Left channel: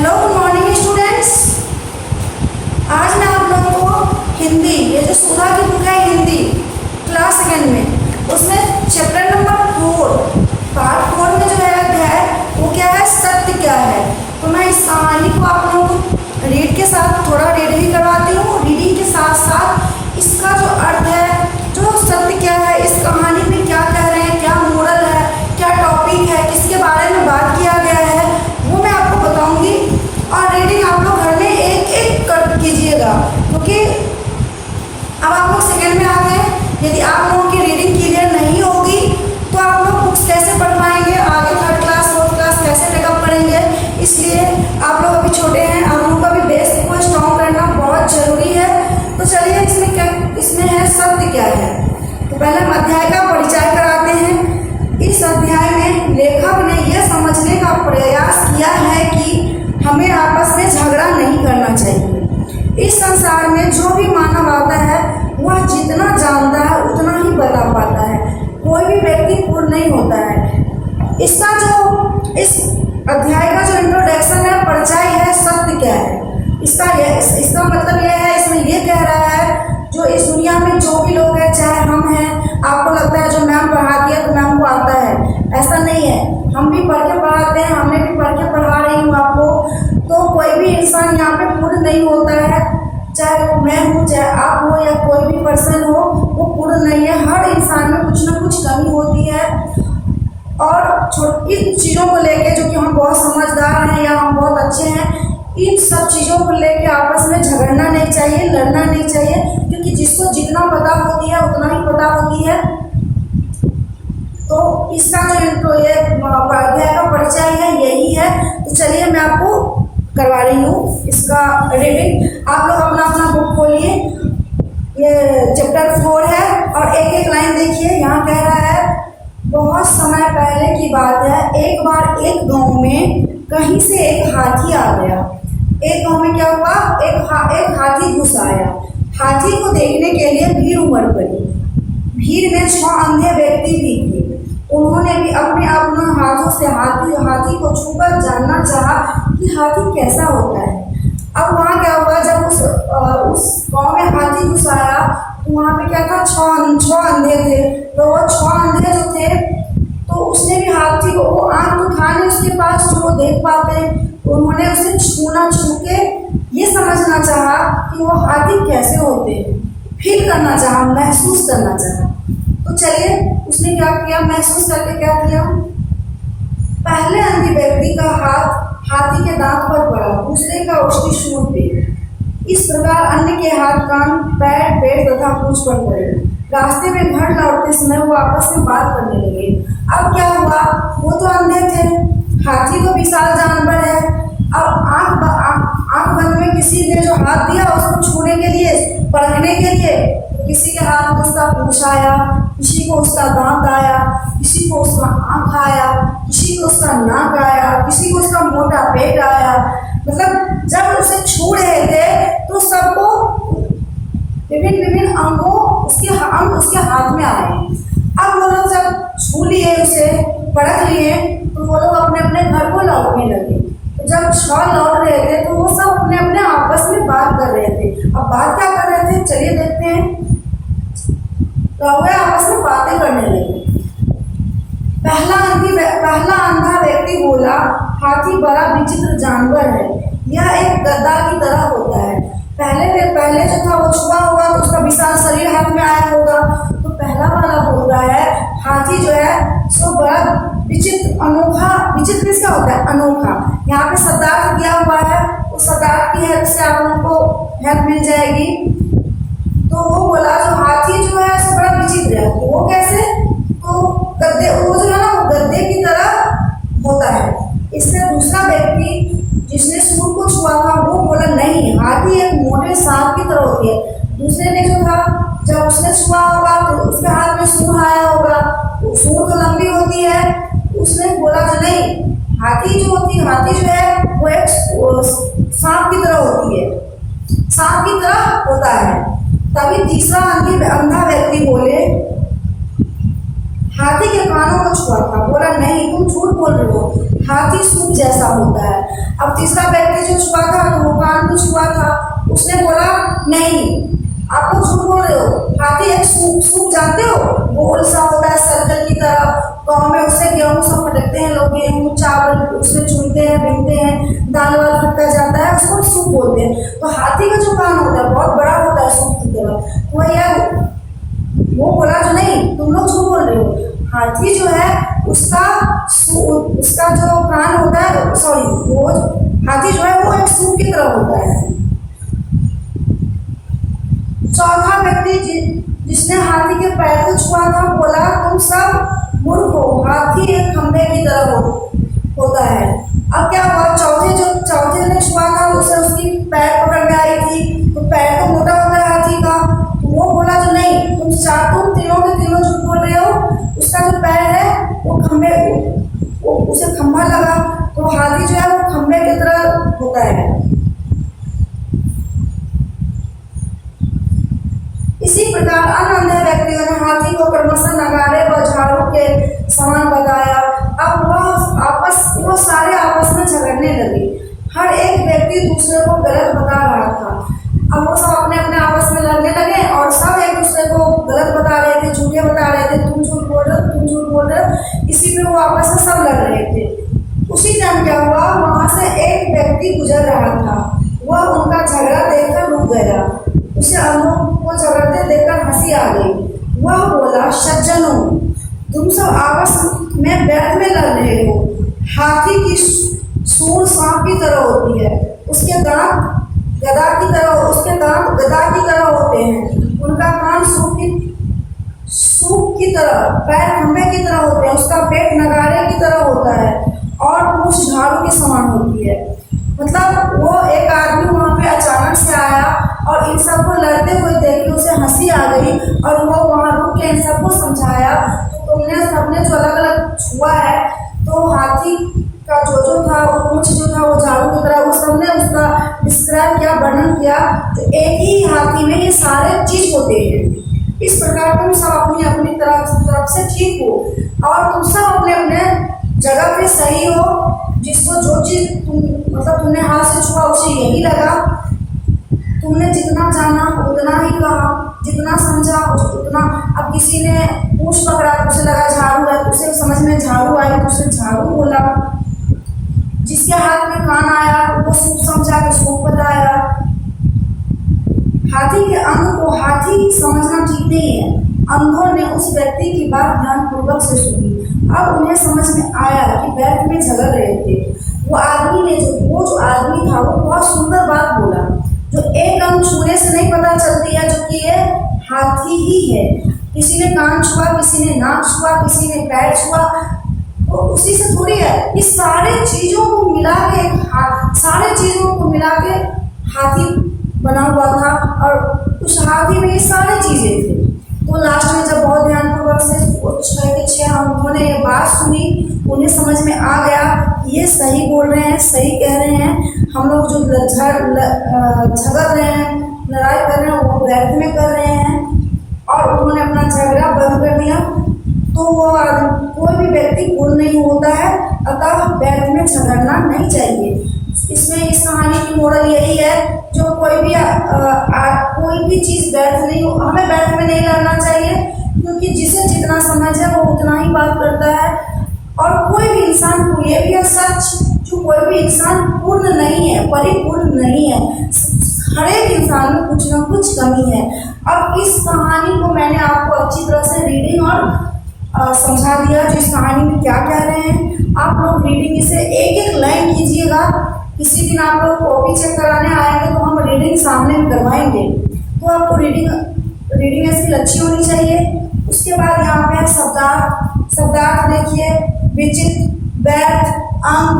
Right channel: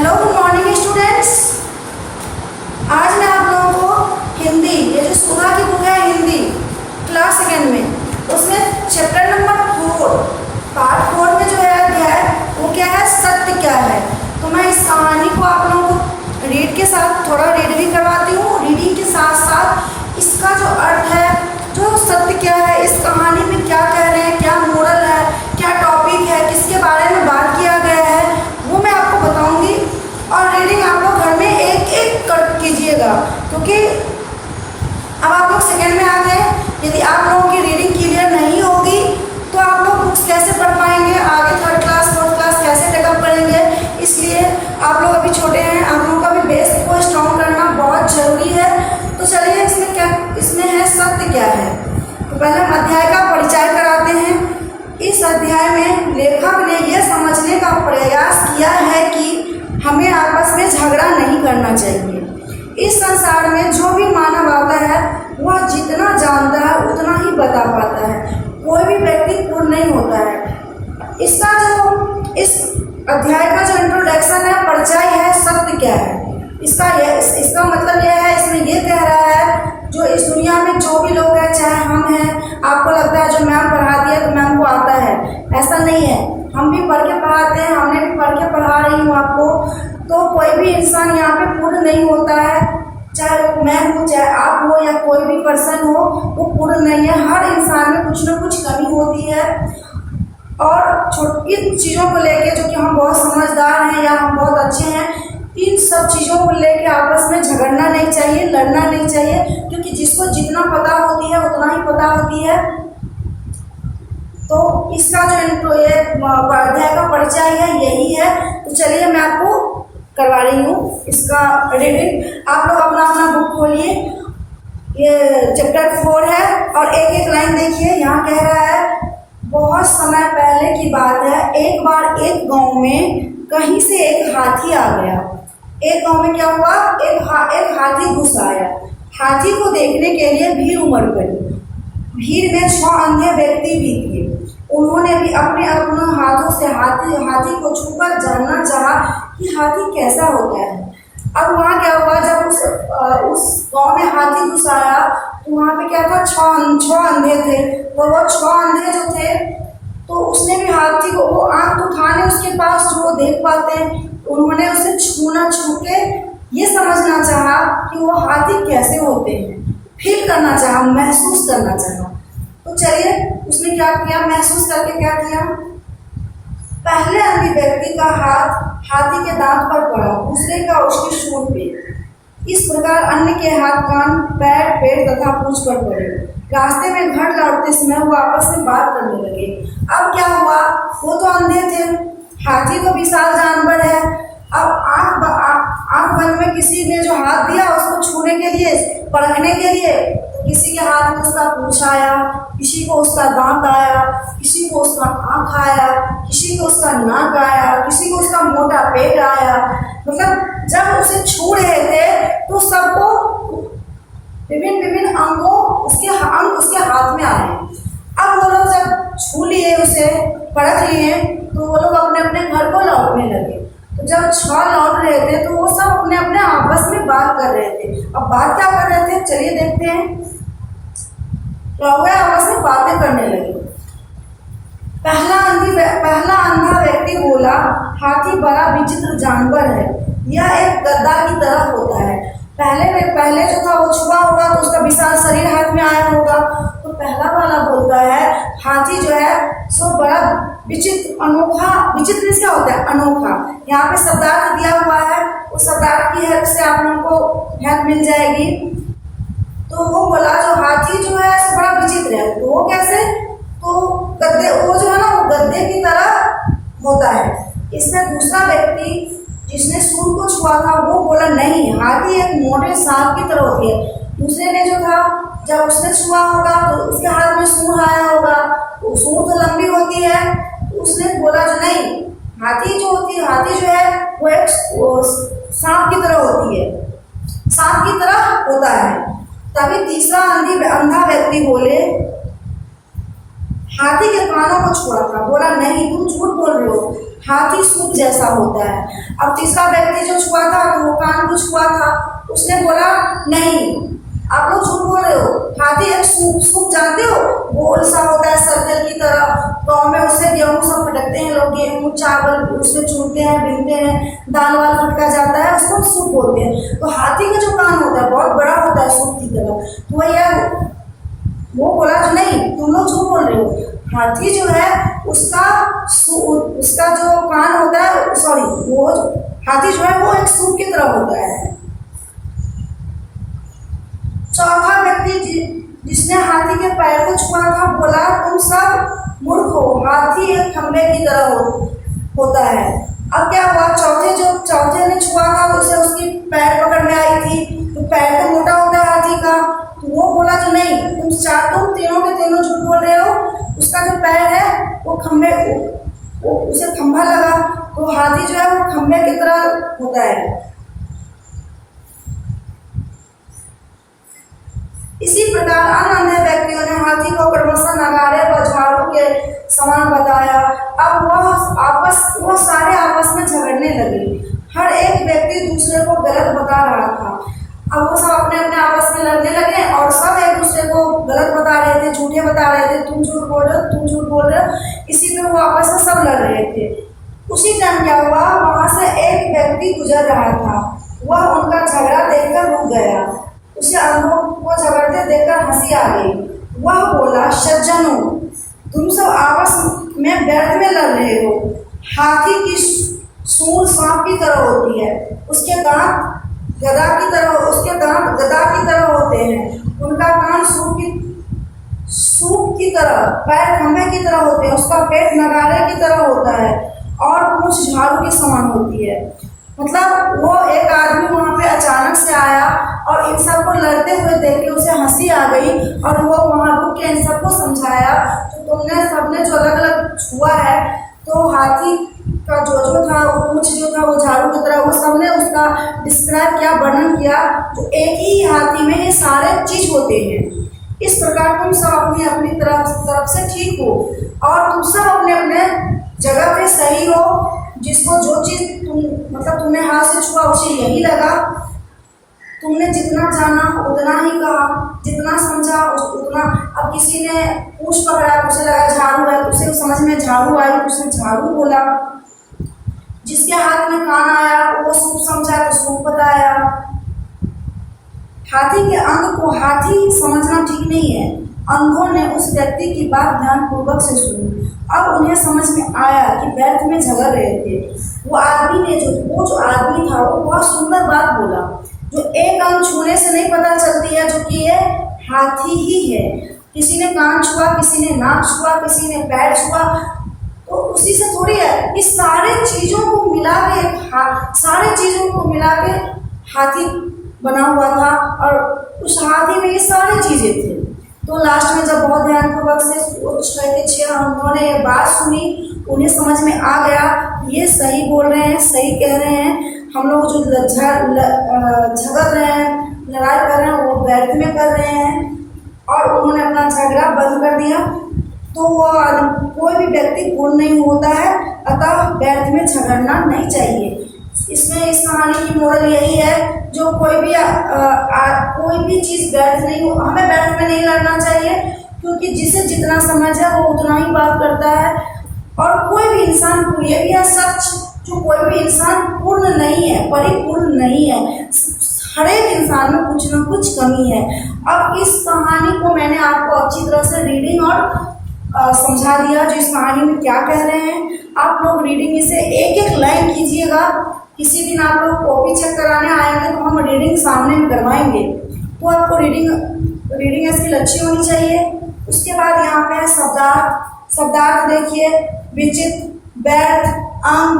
Hello good morning students. आज मैं आप लोगों को हिंदी, ये जो सुधा की बुक है हिंदी क्लास सेकेंड में, उसमें चैप्टर नंबर 4 पार्ट 4 में जो है अध्याय वो क्या है, सत्य क्या है। तो मैं इस कहानी को आप लोगों को रीड के साथ थोड़ा रीड भी करवाती हूँ। रीडिंग के साथ साथ इसका जो अर्थ है, जो सत्य क्या है, इस कहानी में क्या कह रहे हैं, क्या मोरल है, क्या टॉपिक है, किसके बारे में बात किया गया है, वो मैं आपको बताऊंगी। और रीडिंग आप लोग घर में एक एक कर कीजिएगा, क्योंकि अब आप लोग सेकेंड में आ गए। यदि आप लोगों की रीडिंग क्लियर नहीं होगी तो आप लोग बुक्स कैसे पढ़ पाएंगे, आगे थर्ड क्लास फोर्थ क्लास कैसे टेकअप करेंगे। इसलिए आप लोग अभी छोटे हैं, आप लोगों का भी बेस को स्ट्रॉन्ग करना बहुत ज़रूरी है। तो चलिए इसमें है सत्य क्या है। तो पहले हम अध्याय का परिचय कराते हैं। इस अध्याय में लेखक ने यह समझने का प्रयास किया है कि हमें आपस में झगड़ा नहीं करना चाहिए। इस संसार में जो भी मानव आता है वह जितना जानता है उतना ही बता पाता है। कोई भी व्यक्ति पूर्ण नहीं होता है। इस अध्याय का जो इंट्रोडक्शन है, परिचय है, सत्य क्या है, इसका मतलब यह है, इसमें यह कह रहा है जो इस दुनिया में जो भी लोग हैं, चाहे हम हैं, आपको लगता है जो मैम पढ़ाती है तो मैम को आता है, ऐसा नहीं है। हम भी पढ़ के पढ़ाते हैं, हमने भी पढ़ के पढ़ा रही हूँ आपको। तो कोई भी इंसान यहाँ पे पूर्ण नहीं होता है, चाहे वो मैं हूँ, चाहे आप हो, या कोई भी पर्सन हो, वो पूर्ण नहीं है। हर इंसान में कुछ ना कुछ कमी होती है। और छोटी चीज़ों को लेके, जो कि हम बहुत समझदार हैं या हम बहुत अच्छे हैं, इन सब चीज़ों को लेके आपस में झगड़ना नहीं चाहिए, लड़ना नहीं चाहिए, क्योंकि जिसको जितना पता होती है उतना ही पता होती है। तो इसका जो अध्याय का परिचय है यही है। तो चलिए मैं आपको करवा रही हूँ इसका रीडिंग। आप लोग अपना अपना बुक खोलिए। ये चैप्टर 4 है और एक एक लाइन देखिए। यहाँ कह रहा है, बहुत समय पहले की बात है, एक बार एक गांव में कहीं से एक हाथी आ गया। एक गांव में क्या हुआ, एक हाथी घुस आया। हाथी को देखने के लिए भीड़ उमड़ पड़ी। भीड़ में 6 अंधे व्यक्ति भी थे। उन्होंने भी अपने हाथों से हाथी को छूकर जानना चाहा कि हाथी कैसा होता है। अब वहाँ क्या हुआ, जब उस गांव में हाथी घुस आया तो वहाँ पे क्या था, 6 अंधे थे। तो वो 6 अंधे जो थे, तो उसने भी हाथी को, वो आँख तो था नहीं उसके पास जो वो देख पाते हैं, तो उन्होंने उसे छू के ये समझना चाहा कि वो हाथी कैसे होते हैं, फील करना चाहा, महसूस करना चाहा। तो चलिए उसने क्या किया, महसूस करके क्या किया। पहले अंधे व्यक्ति का हाथ हाथी के दांत पर पड़ा, दूसरे का उसकी सूंड पे। इस प्रकार अन्य के हाथ, कान, पैर, पेट तथा पूंछ पर पड़े। रास्ते में घर लौटते समय वो आपस में बात करने लगे। अब क्या हुआ, वो तो अंधे थे, हाथी तो विशाल जानवर है। अब आंख बंद में किसी ने जो हाथ दिया उसको छूने के लिए, परखने के लिए, तो किसी के हाथ में उसका पूंछ आया, किसी को उसका दांत आया, किसी को उसका आँख आया, किसी को उसका नाक आया, किसी को उसका मोटा पेट आया। मतलब जब उसे छू रहे थे तो सबको विभिन्न अंगों उसके हाथ में आए। अब वो लोग जब छू लिए, उसे परख लिए, तो वो लोग अपने अपने घर को लौटने लगे। तो जब 6 लौट रहे थे तो वो सब अपने अपने आपस में बात कर रहे थे। अब बात क्या कर रहे थे, चलिए देखते हैं। तो वो आपस में बातें करने लगे। पहला अंधा व्यक्ति बोला, हाथी बड़ा विचित्र जानवर है, यह एक गद्दा की तरह होता है। पहले जो था वो छुआ होगा तो उसका विशाल शरीर हाथ में आया होगा। तो पहला वाला बोल रहा है, हाथी जो है सो बड़ा विचित्र, अनोखा। विचित्र क्या होता है, अनोखा। यहाँ पे शब्दार्थ दिया हुआ है, उस शब्दार्थ की हेल्प से आप लोगों को हेल्प मिल जाएगी। तो वो बोला जो हाथी जो है सो बड़ा विचित्र है। तो वो कैसे, तो गद्दे, वो जो है ना वो गद्दे की तरह होता है। इसमें दूसरा व्यक्ति जिसने सूंड को छुआ था वो बोला, नहीं, हाथी एक मोटे सांप की तरह होती है। दूसरे ने जो था, जब उसने छुआ होगा तो उसके हाथ में सूंड आया होगा, वो सूंड तो लंबी होती है। उसने बोला जो नहीं, हाथी जो है वो एक सांप की तरह होती है, सांप की तरह होता है। तभी तीसरा अंधा व्यक्ति बोले, हाथी के कानों को छुआ था। बोला नहीं, तुम झूठ बोल रहे हो, हाथी सूख जैसा होता है। अब तीसरा व्यक्ति जो छुआ था तो वो कान को छुआ था, उसने बोला नहीं आप लोग झूठ बोल रहे हो, हाथी एक सूप, सूप जानते हो, गोल सा होता है सर्कल की तरह, गाँव में उससे गेहूँ सब फटकते हैं लोग, गेहूँ चावल उससे चुनते हैं, बीनते हैं, दाल वाल फटका जाता है, उसको सूप बोलते हैं। तो हाथी का जो कान होता है बहुत बड़ा होता है सूप की तरह। तो भैया वो बोला जो नहीं तुम लोग झूठ बोल रहे हो, हाथी जो है उसका जो कान होता है, सॉरी वो हाथी जो है वो एक सूप की तरह होता है। चौथा व्यक्ति जिसने हाथी के पैर को छुआ था बोला तुम सब मूर्ख हो, हाथी एक खंबे की तरह होता है। अब क्या हुआ, चौथे ने छुआ था, उसे उसकी पैर पकड़ में आई थी, तो पैर तो मोटा होता है हाथी का, तो वो बोला जो नहीं तुम तीनों के तीनों झूठ बोल रहे हो, उसका जो पैर है वो खंबे, उसे खंभा लगा, तो हाथी जो है वो खंबे की तरह होता है। इसी प्रकार अन्य अन्य व्यक्तियों ने हाथी को क्रमशः नगाड़े व झाड़ू के समान बताया। अब वह सारे आपस में झगड़ने लगे, हर एक व्यक्ति दूसरे को गलत बता रहा था। अब वो सब अपने अपने आपस में लड़ने लगे और सब एक दूसरे को गलत बता रहे थे, झूठे बता रहे थे, तुम झूठ बोल रहे हो, तुम झूठ बोल रहे हो, इसी पे वो आपस में सब लड़ रहे थे। उसी टाइम क्या हुआ, वहां से एक व्यक्ति गुजर रहा था, वह उनका झगड़ा देखकर रुक गया, उसे अंधों को झगड़ते देखकर हंसी आ गई। वह बोला सज्जनों तुम सब आपस में व्यर्थ में लड़ रहे हो, हाथी की सूंड सांप की तरह होती है, उसके दांत गदा की तरह होते हैं, उनका कान सूप की तरह, पैर खंबे की तरह होते हैं, उसका पेट नगाड़े की तरह होता है और पूंछ झाड़ू के समान होती है। मतलब वो एक आदमी वहाँ पे अचानक से आया और इन सबको लड़ते हुए देख के उसे हंसी आ गई और वो वहाँ रुक के इन सबको समझाया तो तुमने सबने जो अलग अलग छुआ है, तो हाथी का जो था वो पूंछ जो था वो झाड़ू की तरह, वो सबने उसका डिस्क्राइब किया, वर्णन किया, तो एक ही हाथी में ये सारे चीज होते हैं। इस प्रकार तुम सब अपनी अपनी तरफ से ठीक हो और तुम सब अपने अपने जगह पे सही हो, जिसको जो चीज तुमने हाथ से छुआ उसे यही लगा, तुमने जितना जाना उतना ही कहा, जितना समझा उतना। अब किसी ने पूंछ पकड़ा तो उसे लगा झाड़ू है, तो उसे समझ में झाड़ू आई तो उसे झाड़ू बोला, जिसके हाथ में कान आया वो सूप समझा तो सूप बताया। हाथी के अंग को हाथी समझना ठीक नहीं है। अंधों ने उस व्यक्ति की बात ध्यानपूर्वक से सुनी। अब उन्हें समझ में आया कि व्यर्थ में झगड़ रहे थे। वो जो आदमी था वो बहुत सुंदर बात बोला, जो एक अंग छूने से नहीं पता चलती है जो कि ये हाथी ही है। किसी ने कान छुआ, किसी ने नाक छुआ, किसी ने पैर छुआ, तो उसी से थोड़ी है। इस सारे चीजों को मिला के हाथी बना हुआ था और उस हाथी में ये सारी चीजें थी। तो लास्ट में जब बहुत ध्यानपूर्वक से उन्होंने ये बात सुनी, उन्हें समझ में आ गया ये सही बोल रहे हैं, सही कह रहे हैं, हम लोग जो झगड़ रहे हैं, लड़ाई कर रहे हैं वो व्यर्थ में कर रहे हैं, और उन्होंने अपना झगड़ा बंद कर दिया। तो वो कोई भी व्यक्ति पूर्ण नहीं होता है, अतः व्यर्थ में झगड़ना नहीं चाहिए। इसमें इस कहानी की मोरल यही है, जो कोई भी चीज व्यर्थ नहीं हो, हमें व्यर्थ में नहीं लड़ना चाहिए, क्योंकि जिसे जितना समझ है वो उतना ही बात करता है। और कोई भी इंसान को ये भी है सच, जो कोई भी इंसान पूर्ण नहीं है, परिपूर्ण नहीं है, हर एक इंसान में कुछ ना कुछ कमी है। अब इस कहानी को मैंने आपको अच्छी तरह से रीडिंग और समझा दिया, जो इस कहानी में क्या कह रहे हैं। आप लोग रीडिंग इसे एक एक लाइन कीजिएगा। किसी दिन आप लोग कॉपी चेक कराने आएंगे तो हम रीडिंग सामने में करवाएंगे, तो आपको रीडिंग इसकी अच्छी होनी चाहिए। उसके बाद यहाँ पे शब्दार्थ देखिए, विचित्र, व्यर्थ, अंग,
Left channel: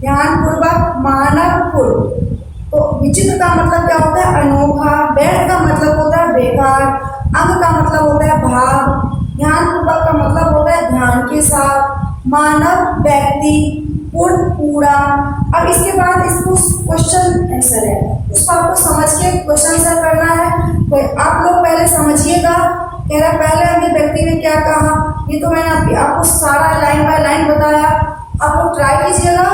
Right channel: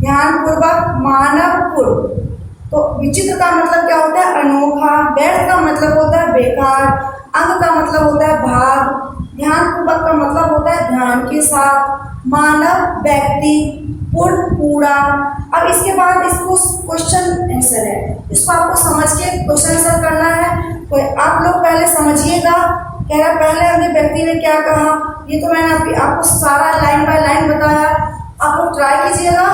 ध्यानपूर्वक, मानवपूर्ण। तो विचित्र का मतलब क्या होता है, अनोखा। व्यर्थ का मतलब होता है बेकार। अंग का मतलब होता है भाग। ध्यानपूर्वक का मतलब होता है ध्यान के साथ। मानव, व्यक्ति, पूर्ण, पूरा। अब इसके बाद इसको क्वेश्चन आंसर है, इसको आपको समझ के क्वेश्चन आंसर करना है। तो आप लोग पहले समझिएगा, कह रहा पहले अगले व्यक्ति ने क्या कहा, ये तो मैंने आपको सारा लाइन बाय लाइन बताया। आप लोग ट्राई कीजिएगा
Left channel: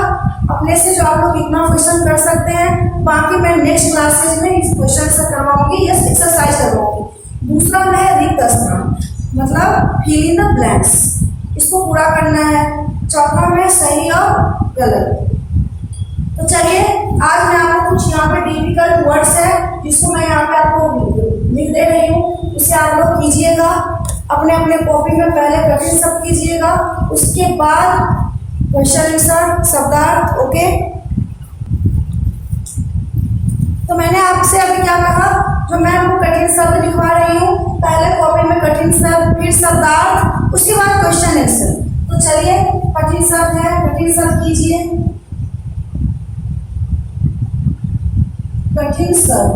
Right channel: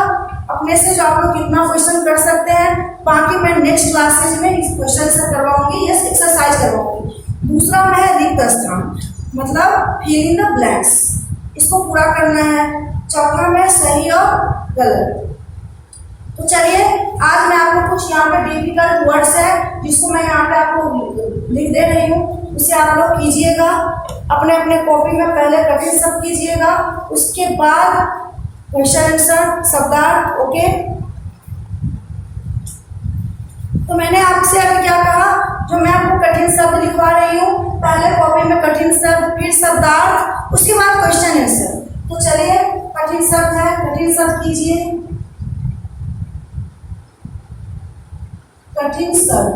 अपने से जो आप लोग कितना क्वेश्चन कर सकते हैं। बाकी मैं नेक्स्ट क्लासेज में इस क्वेश्चन से करवाऊंगी, यस एक्सरसाइज करवाऊंगी। दूसरा है रिक्त स्थान, मतलब फिल इन द ब्लैंक्स, इसको पूरा करना है। चौथा में सही और गलत। तो चलिए आज मैं आपको कुछ यहाँ पे डिफिकल्ट वर्ड्स है जिसको मैं यहाँ पे आपको लिख दे रही हूँ, उसे आप लोग कीजिएगा अपने अपने कॉपी में। पहले कठिन शब्द कीजिएगा, उसके बाद क्वेश्चन आंसर शब्दार्थ। ओके, तो मैंने आपसे अभी क्या कहा, जो मैं आपको कठिन शब्द लिखवा रही हूँ, पहले कॉपी में कठिन शब्द, फिर शब्दार्थ, उसके बाद क्वेश्चन आंसर। तो चलिए कठिन शब्द है, कठिन शब्द कीजिए। कठिन शब्द।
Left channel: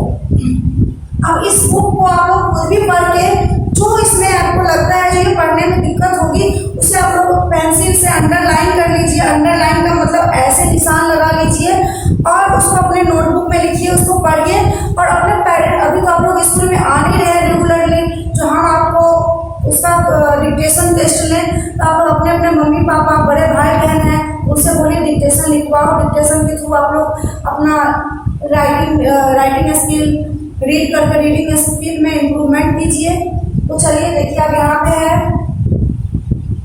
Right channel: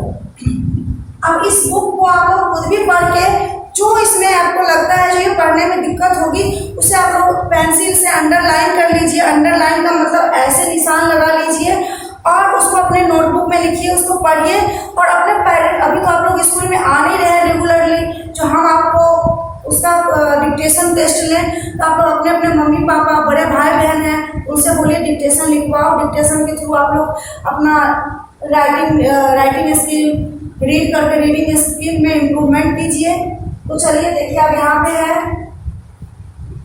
अब इस बुक को आप लोग खुद भी पढ़ के जो इसमें आपको लगता है जो ये पढ़ने में दिक्कत होगी उसे आप लोग पेंसिल से अंडरलाइन कर लीजिए। अंडरलाइन का मतलब ऐसे निशान लगा लीजिए और उसको अपने नोटबुक में लिखिए, उसको पढ़िए। और अपने पेरेंट, अभी तो आप लोग स्कूल में आ नहीं रहे हैं रेगुलरली, जो हम आपको उसका डिक्टेशन टेस्ट लें, तो आप लोग अपने अपने मम्मी पापा, बड़े भाई बहन हैं, उनसे बोलिए डिक्टेशन लिखवाओ। डिक्टेशन के थ्रू आप लोग अपना राइटिंग स्किल, रीड करके रीडिंग स्किल में इम्प्रूवमेंट कीजिए। तो चलिए देखिए, अब यहाँ पे है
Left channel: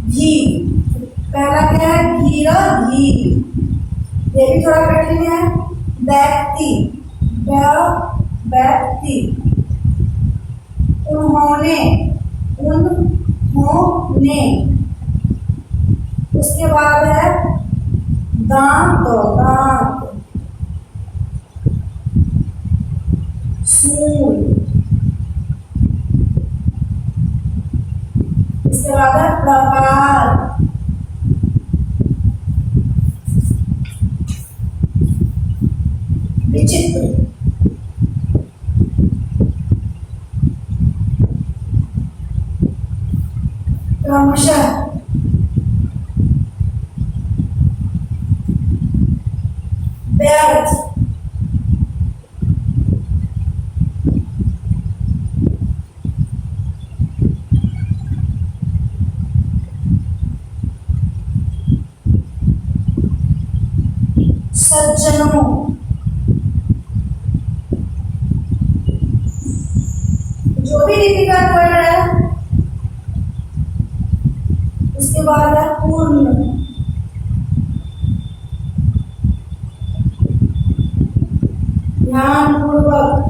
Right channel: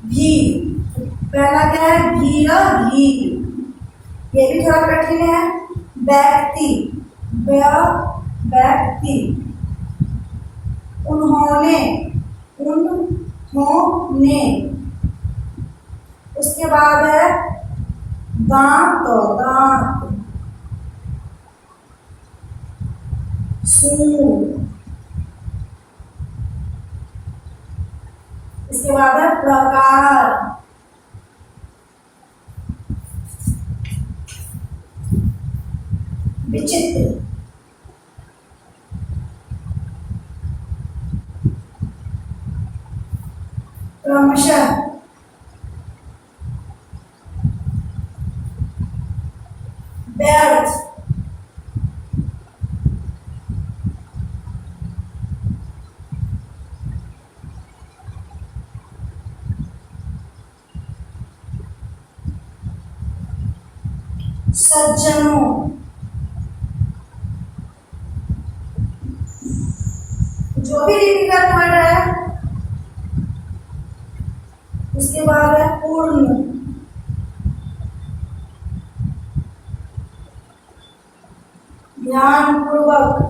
भी, पहला क्या है भीरा भी, ये भी थोड़ा कठिन है। व्यक्ति, व्यक्ति। उन्होंने, उन्होंने। उसके बाद है दांत, दांत। सूल। इसके बाद है प्रकार, विचित्र। क्रमशः, व्यर्थ। सज्जनों। जो भी डिफिकल्ट वर्ड है। उसके बाद है पूर्ण, ध्यानपूर्वक।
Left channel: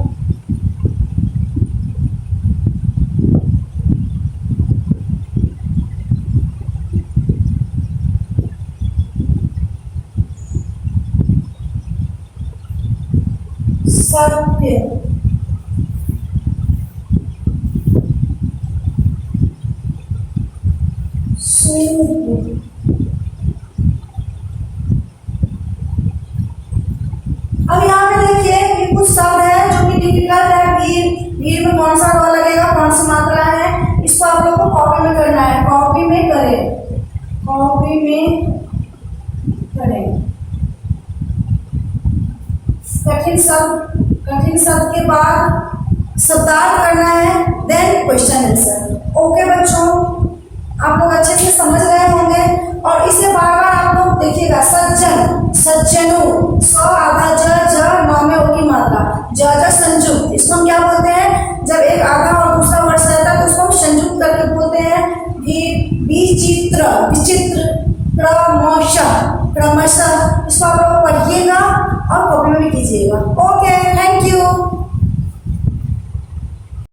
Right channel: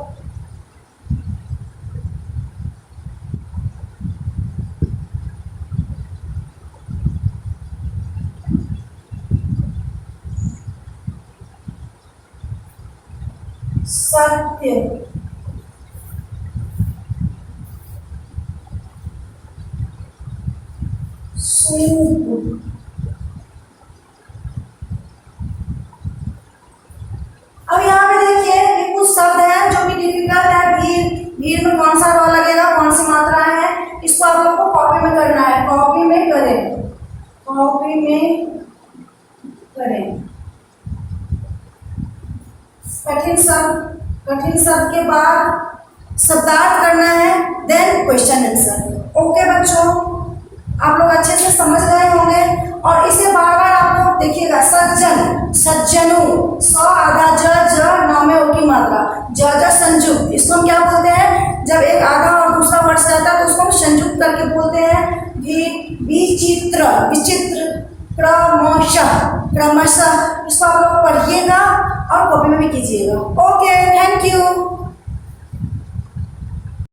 सत्य, सूप। अब यहाँ पे देखिए ये कुछ शब्द है जो कि डिफिकल्ट है। भीड़, भीड़ में कौन सा रॉ लगेगा, कौन सी मात्रा है, इसको आप लोग को कॉपी में करना है। कॉपी में करें, कॉपी में करें। कठिन शब्द, कठिन शब्द के बाद शब्दार्थ करना है, देन क्वेश्चन आंसर। ओके बच्चों, आप लोग अच्छे से समझ गए होंगे। और इसे बार बार आप लोग देखिएगा। सज्जन, सज्जनों, स आधा ज, नौ में ओ की मात्रा, ज संयुक्त। इसको हम क्या बोलते हैं, जब एक आधा और दूसरा वर्ड रहता है तो उसको हम संयुक्त करके बोलते हैं विचित्र, विचित्र। क्रमशः, क्रमशः। इसको आप लोग पढ़िएगा और कॉपी में भी कीजिएगा। ओके।